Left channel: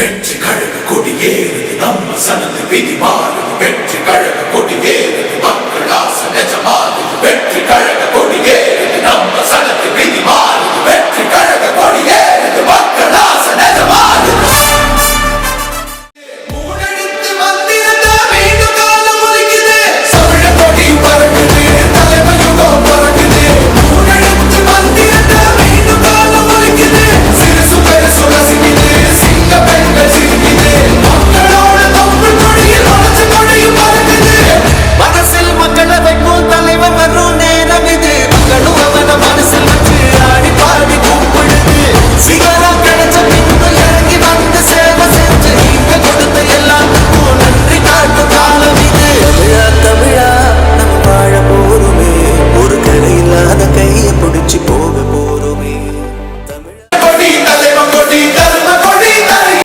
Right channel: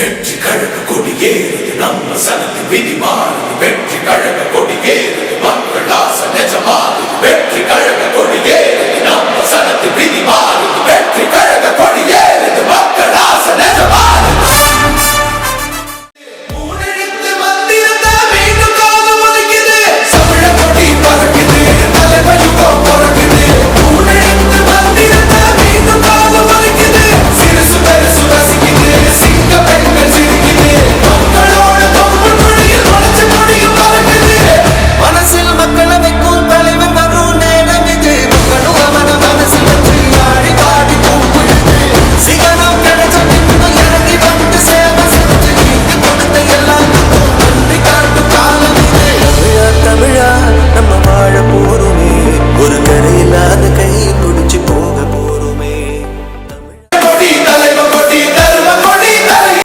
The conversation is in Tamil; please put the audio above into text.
வெற்றி கழக கொடியேறுது நம்ம சனது விதி மாறுது வெற்றி கழக கொடியேறுது மக்கள் ஆசை நிஜமாறுது வெற்றி கழக கொடியேறுது நம்ம சனது விதி மாறுது